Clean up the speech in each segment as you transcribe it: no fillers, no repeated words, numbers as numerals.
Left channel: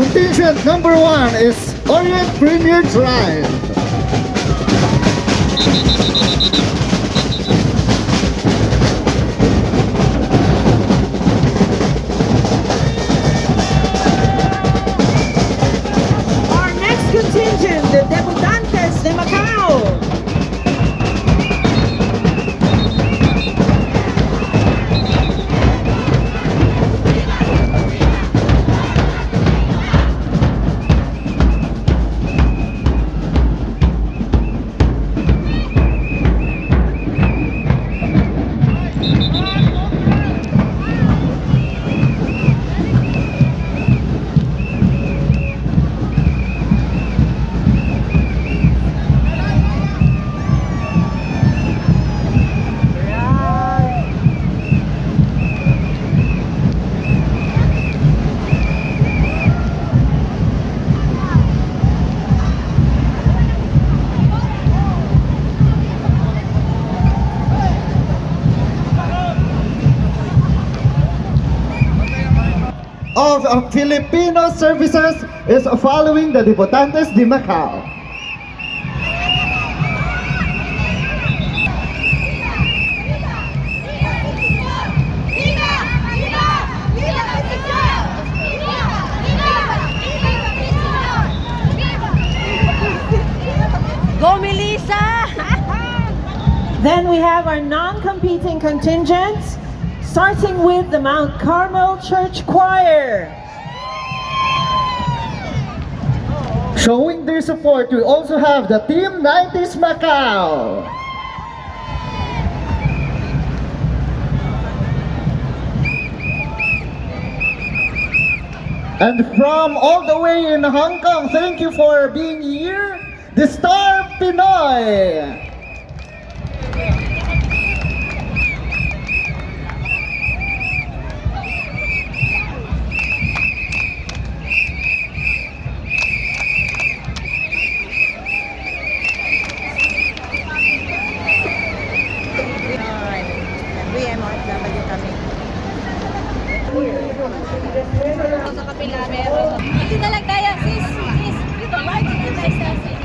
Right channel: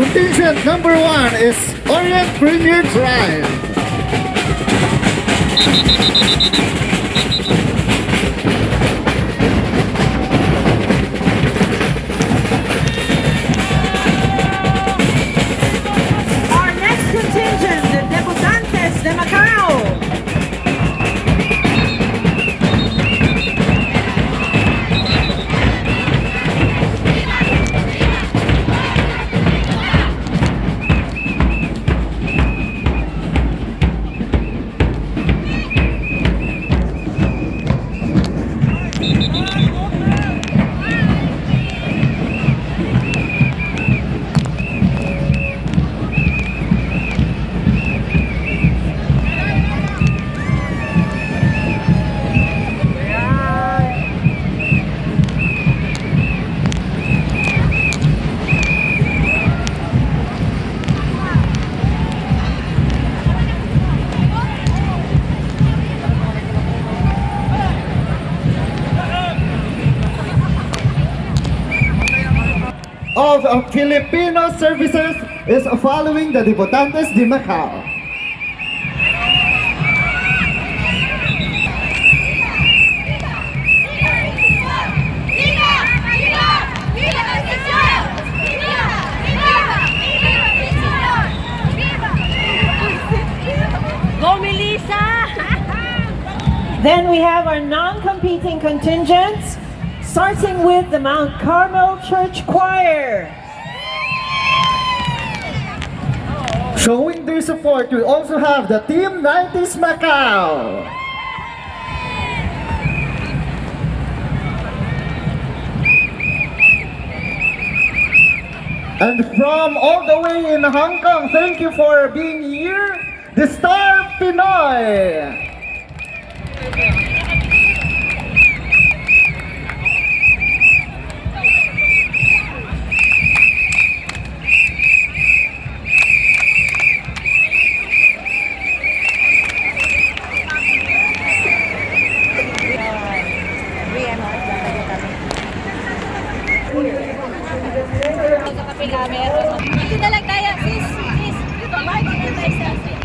Contingent number 1 is Orient Premier Drive. Our next contingent, the Debutantes de Macau. Of Filipino services is following the Debutantes de Macau. Go, Melissa! Then we have our non-competing contingents, starting with the Mount Carmel Church Choir. Showing their support, we also have the Team 90s Macau. And from all the way in Hong Kong, thank you for being here, the Star Pinoy. VMOFW kami. Dito na lang tayo, sis. Sis, dito tayo, sis.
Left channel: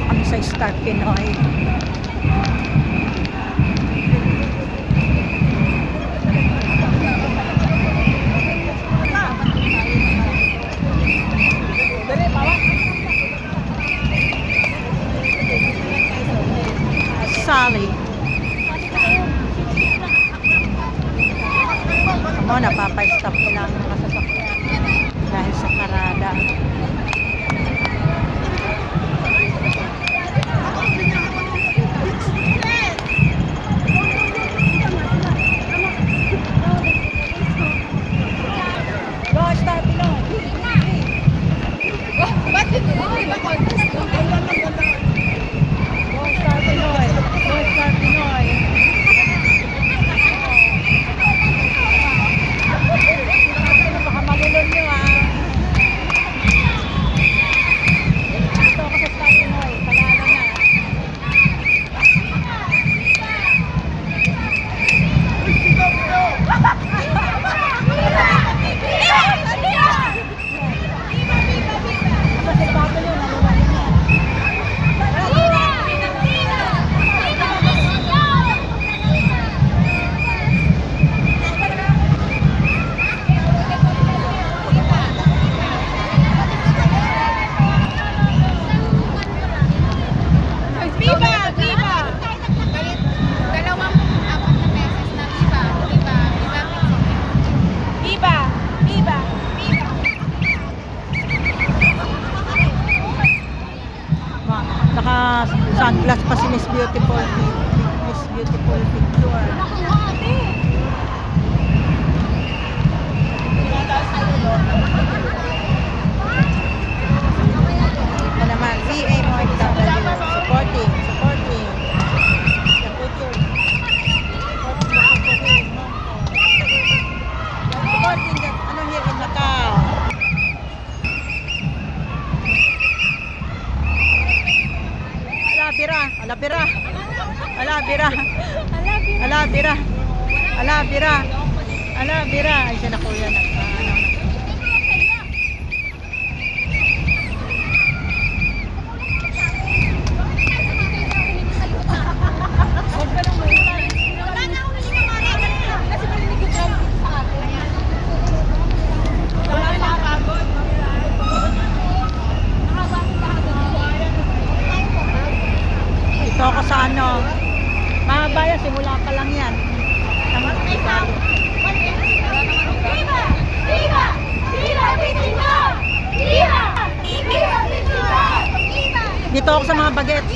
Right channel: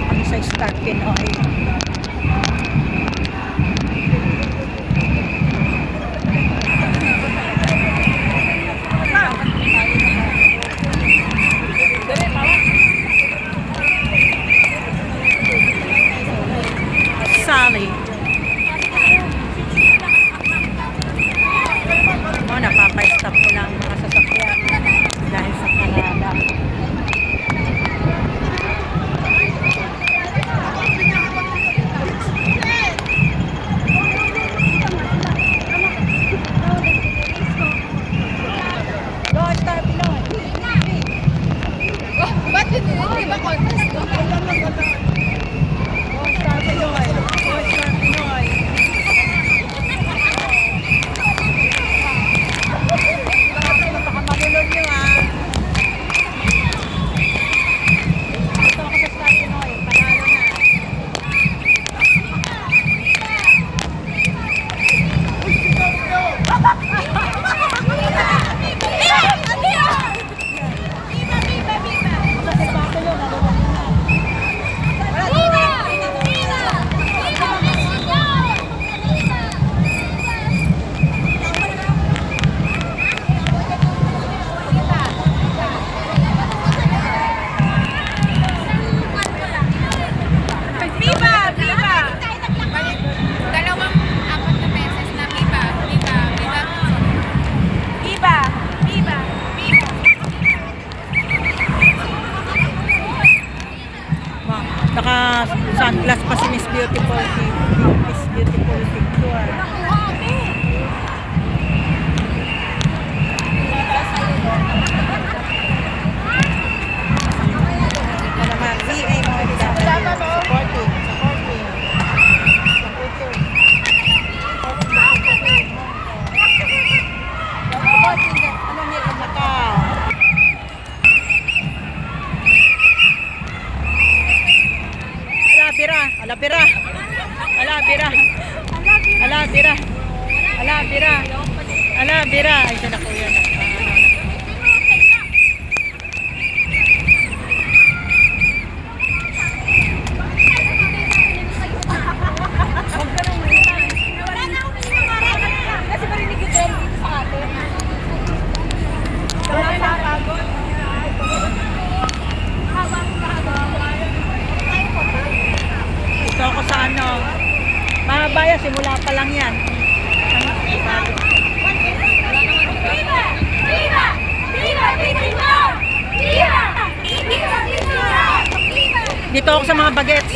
Kami sa Star Pinoy. Sally. Ako, napapa-stop ko lang mga sasakyan dahil sa parada. Ba't hindi ba contest? Naka-sunglass pa si Miss Beautiful. Miss Beautiful picture. Ako naman, VMOFW. Supporting. Supporting the culture. Supporting the culture. bira. Ala, bira. Ala, bira. Ay, siya na kuya. Ano na. Ito ako sa ano. Mahaba yan, simula pa lang yan. Ang ibalo. Dito ako sa mga bagets.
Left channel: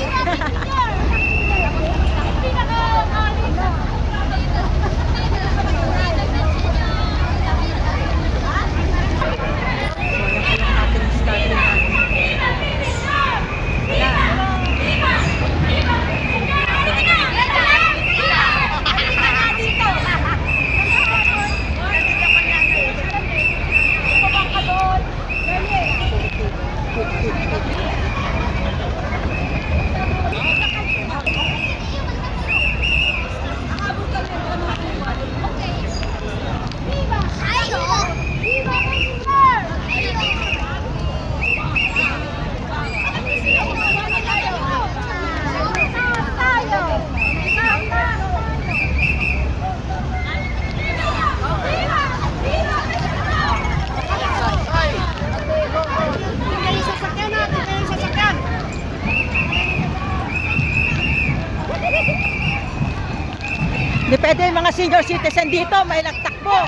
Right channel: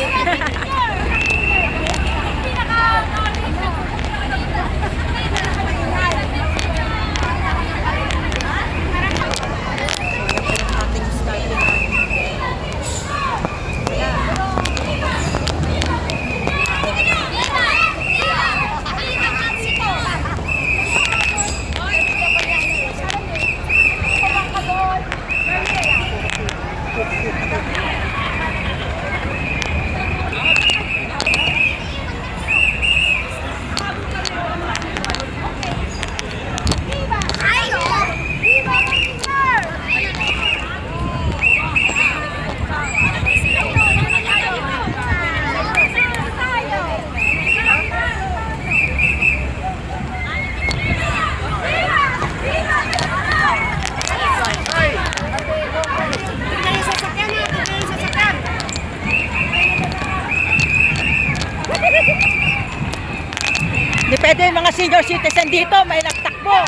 Depende yung mga senior citizen dito, may nagtakbo.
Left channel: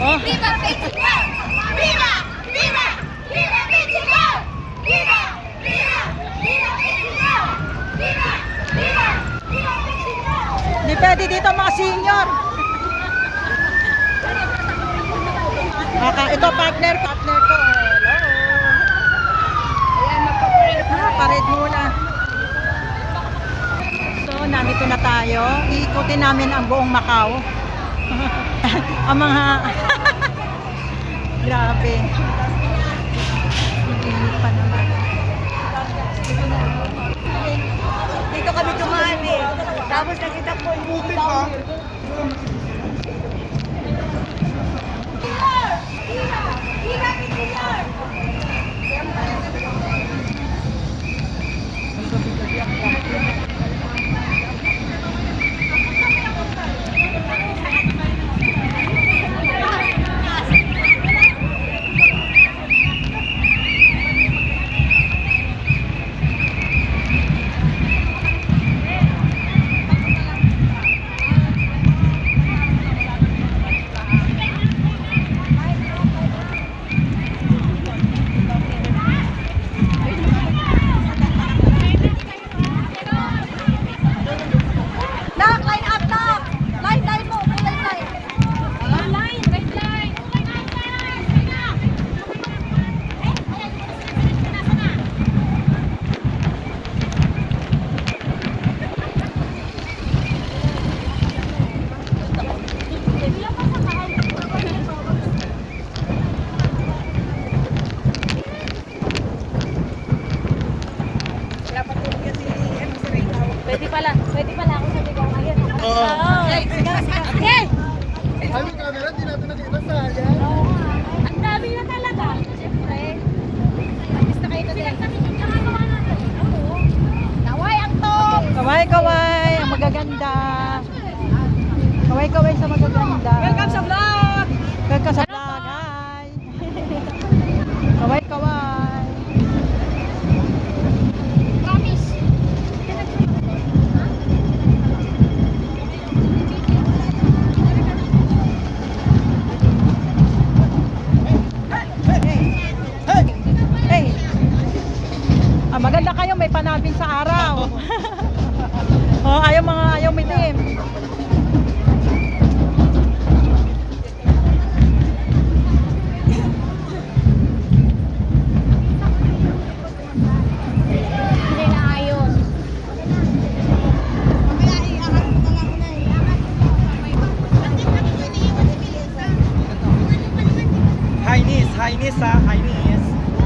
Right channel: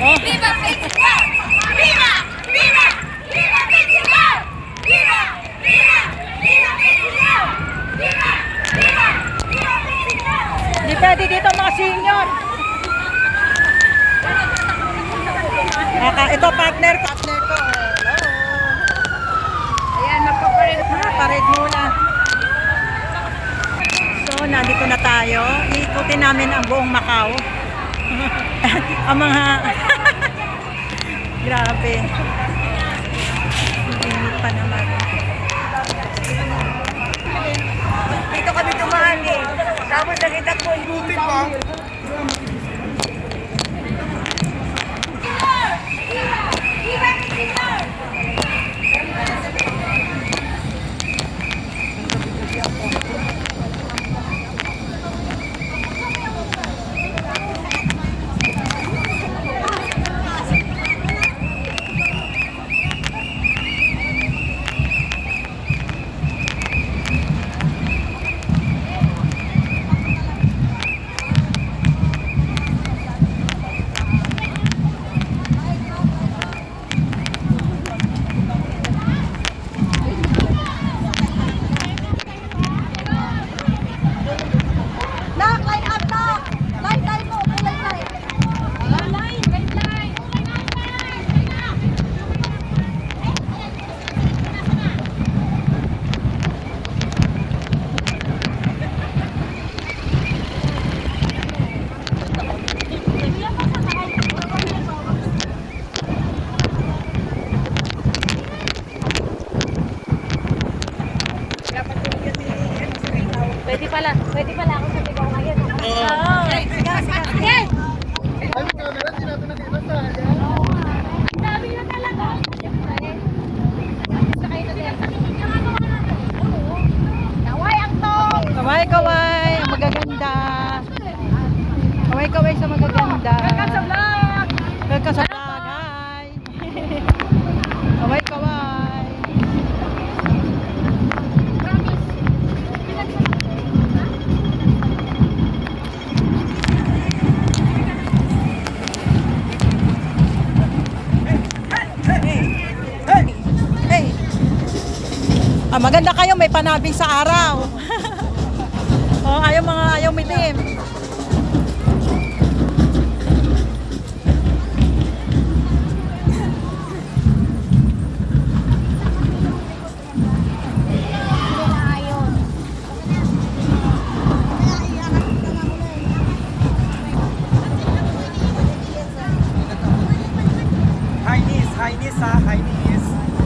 Oh. Viva Portugal! Viva! Viva! Viva Portugal! Viva! Viva! Viva Portugal! Viva! Viva! Viva Portugal! Depende dito mga senior. Ito partner ko. Hello. Parade muna. So, nandito na tayo. Iikutin namin ang buong Macau. Ang mga grabe. Init pa naman. Dito kami tumali. Tapos nakita ko buti pa. Pwede pala ako sa ligaw ngayon. Yes! Ay, may camera, di natin nakita sa kanya. Ang dami na talaga. Siyempre. Basta kayo na Naway ang to! Kaway-kaway, ang magaganda. Kaway-kaway sa magaganda. Welcome sa vlog! Welcome sa vlog, hi! Kaway-kaway. Hey! Maganda kayo, may panabing sa araw. Oh, ayaw mitim.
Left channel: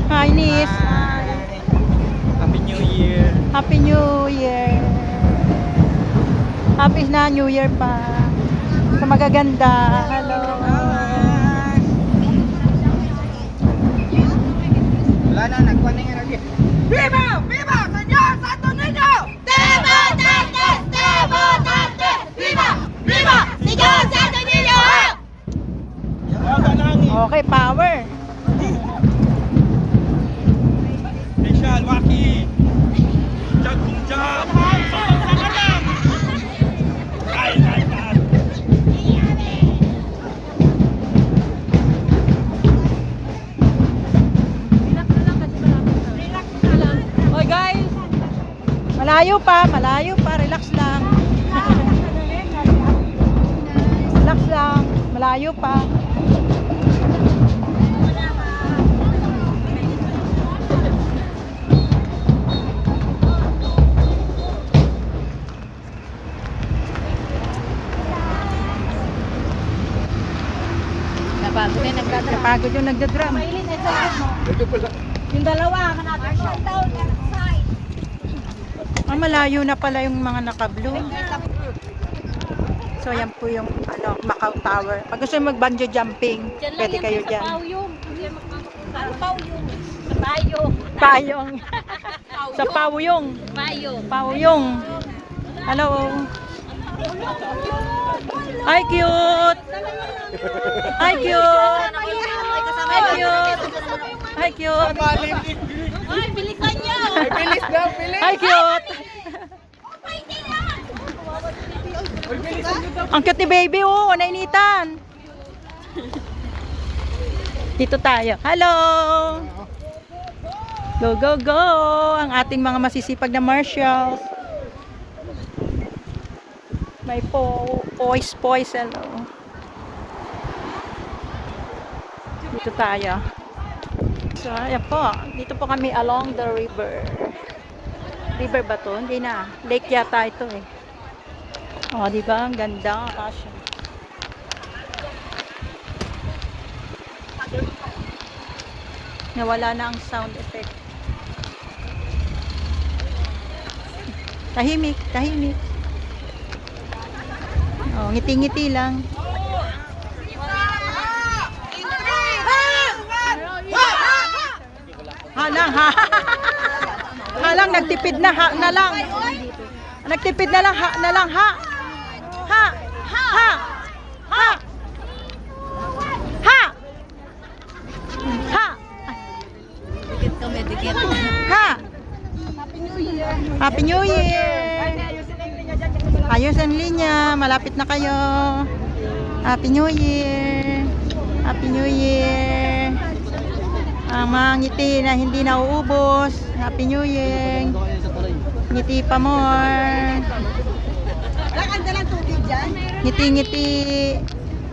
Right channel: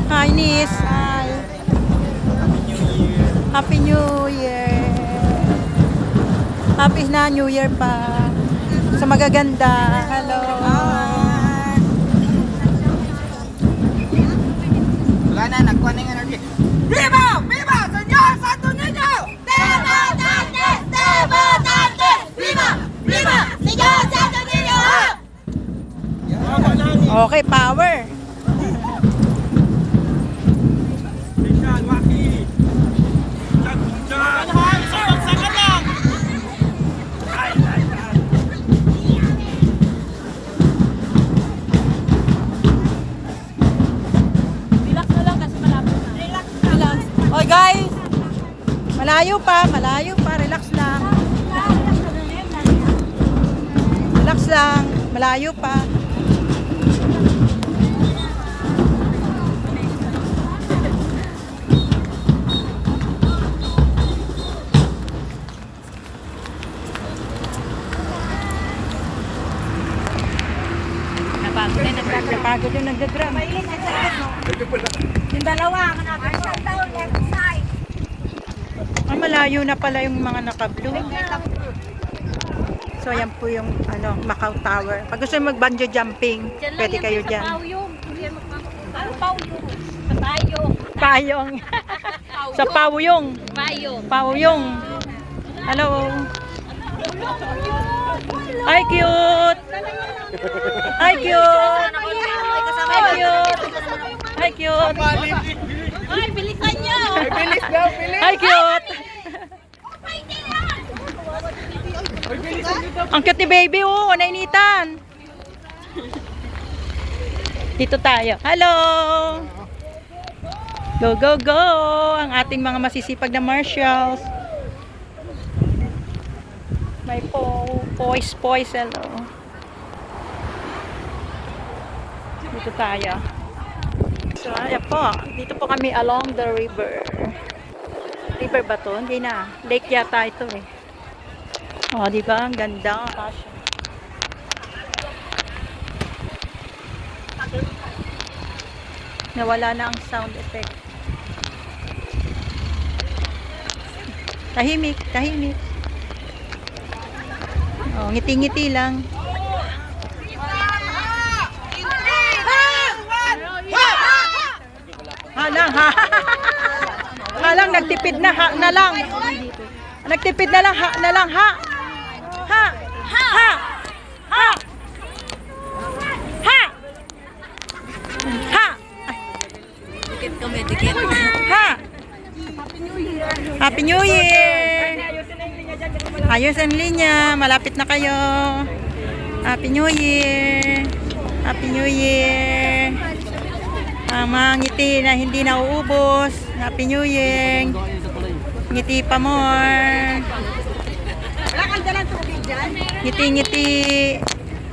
Hi, Nis. Hi. Happy New Year. Happy New Year. Happy na New Year pa. Sa magaganda. Hello. Wala na, nagkuha na yung ano. Viva! Viva! Señor Santo Niño! Viva Dantes! Viva Dantes! Viva! Viva! Señor Santo Niño! Okay, power. Michelle, Waki! Diyan, diyan! Hoy guys. Malayo pa. Relax lang. Relax lang. Malayo pa. Napagod yung nagdadrum. Yung dalawa, manapin ko. Malayo na pala yung mga naka-blue. So, yan po yung Macau Tower. Pag gusto nyo mag-bungee jumping, pwede kayo dyan. Payong. Sa Pauyong. Pauyong. Hello. Hi, cute. Hi, cute. Hi, cute. Hi, cute. Ay, bilisan niyo! Hi, cute. Ang cute ni baby, oh. Nainitan. Dito tayo. Hello. Go, go, go. Ang ating mga masisipag na marshals. May poise, hello. Dito tayo. So, ayan po. Dito po kami along the river. River ba to? Hindi na. Lake yata ito eh. Oh, di ba? Ang ganda. Kasya. Nawala na ang sound effect. Tahimik. Oh, ngiti-ngiti lang. Halang, nagtipid na, na lang. Nagtipid na lang, na lang, ha. Dikit. Ha. Happy New Year. Ayos ang linya, malapit na kayo. Happy New Year. Happy New Year. Ang mga ngiti na hindi nauubos. Happy New Year. Ngiti pa more. Ngiti.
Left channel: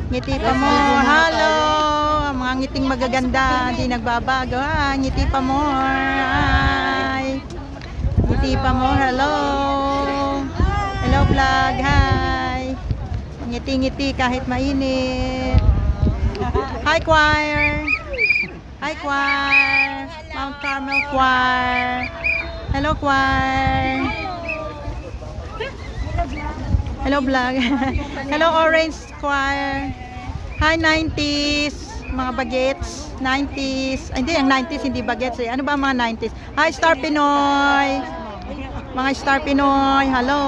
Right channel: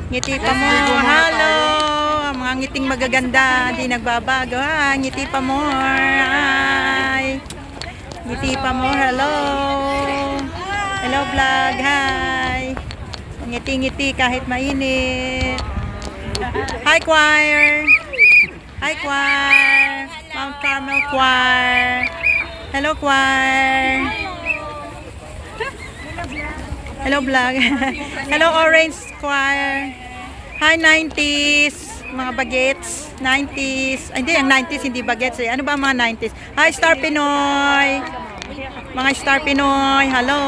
Ngiti pa more. Hello. Ang mga ngiting magaganda, hindi nagbabago. Ngiti pa more. Hi. Ngiti pa more. Hello. Hello vlog. Hi. Ngiti-ngiti kahit mainit. Hi choir. Hi choir. Mount Carmel choir. Hello choir. Hello vlog. Hello Orange choir. Hi 90s. Mga bagets. 90s. Ay, hindi, ang 90s hindi bagets eh. Ano ba mga 90s? Hi Star Pinoy. Mga Star Pinoy. Hello.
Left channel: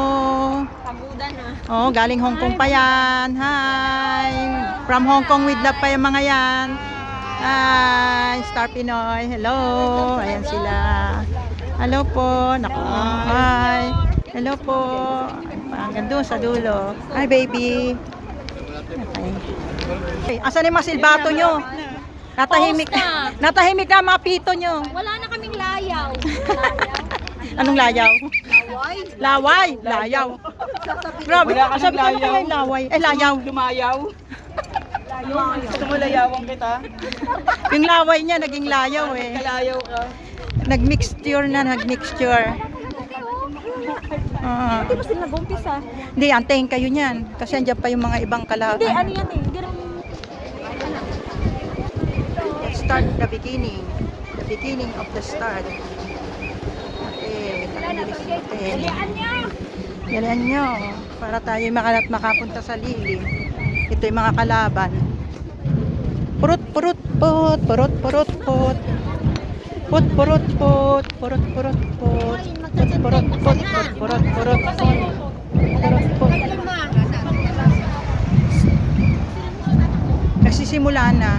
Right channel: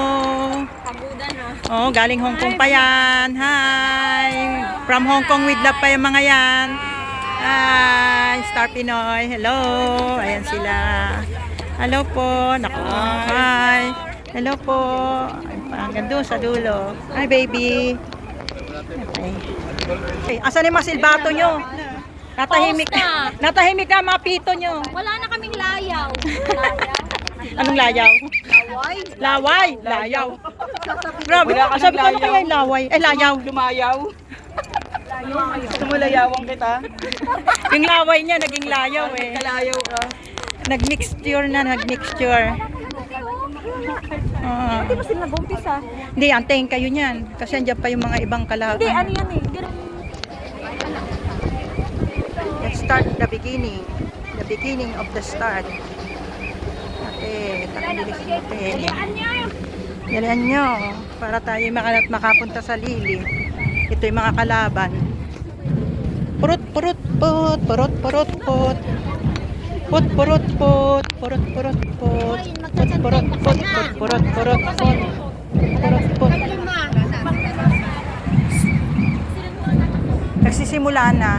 Oh, galing Hong Kong pa yan. Hi. From Hong Kong with love pa yung mga yan. Hi, Star Pinoy. Hello. Ayan sila. Hello po. Naku. Hi. Hello po. Hanggang doon sa dulo. Hi, baby. Okay. Asan yung mga silbato nyo? Natahimik na mga pito nyo. Wala na kaming layaw. Anong layaw? Laway. Layaw. Grabe. Sabi ko na kayo laway. Layaw. Lumayaw. Gusto mo layawang kita? Yung laway niya naging layaw eh. Layaw ka. Nag-mixture. Hindi, antayin kayo niyan. Kasi andyan pa yung mga ibang kalaban. Let's start the beginning. The beginning of the start. Okay, takilis natin. Yalan nyo. para tayo makapunta sa Lili. Ito yung mga kalaban. Purut purut put, purut purut put. Put purut put, purut purut put. Put purut put, put purut purut put. Purut put. Nagsisimula na.